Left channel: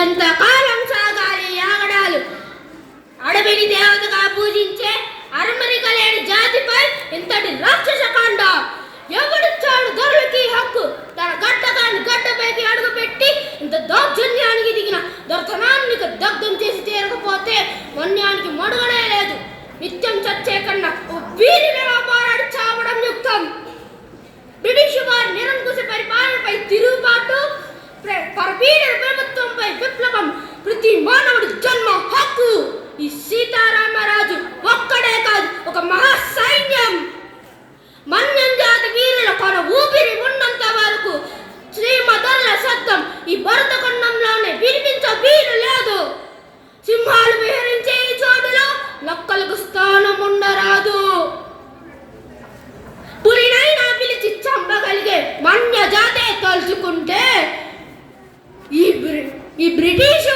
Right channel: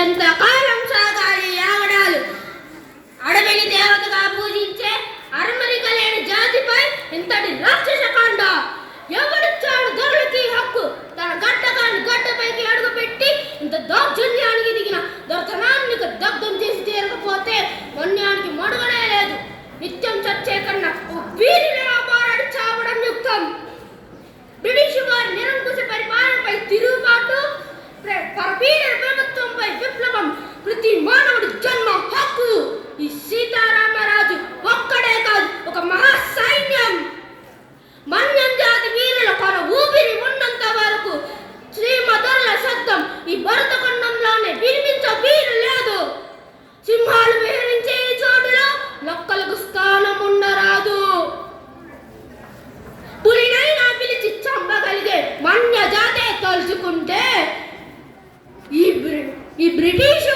ఎంతకాలం సాగాలి ఆగడాలు? అడవిని దేవతగా పూజించే అరమరిక లేని జాతిపై ఇంతటి రాక్షస కాండ! ఎవడిచ్చాడు దొరలకి హక్కు? తన గడ్డగాని గడ్డపైకి అడుగుపెట్టి ఇంత దౌర్జన్యానికి దిగిన దొరతనాన్ని దగ్ధం చేసి చేరకపోతే వన్యానికి మడుగనే లేదు. నిత్యం చచ్చే కన్నా వీరిలా పోరాడి చావడం యుక్తం. బ్రిటిష్ వారి నిరంకుశ పరిపాలనపై తిరుగుబాటు, పరపీడన ప్రభుత్వంపై విప్లవం ప్రతి మానవుడి జన్మ హక్కు. ఈ సీతారామరాజు ఒక్కడే కాదు, ఒక మహా సైన్యం. మన్యం జాతి వీరుల కొన ఊపిరి ఉన్నంత వరకు శ్రీమదరుల శబ్దం ఈ భరతఖండంలోనే వినిపించ వీలు లేదు. సింహాలు విహరించే ఈ చోటులో లక్కలకు స్థానం ఉండరాదు. పులినైనా పిలిచి చంపగలిగే మన్య జాతే తలుచుకుంటే ఈ బ్రిటిష్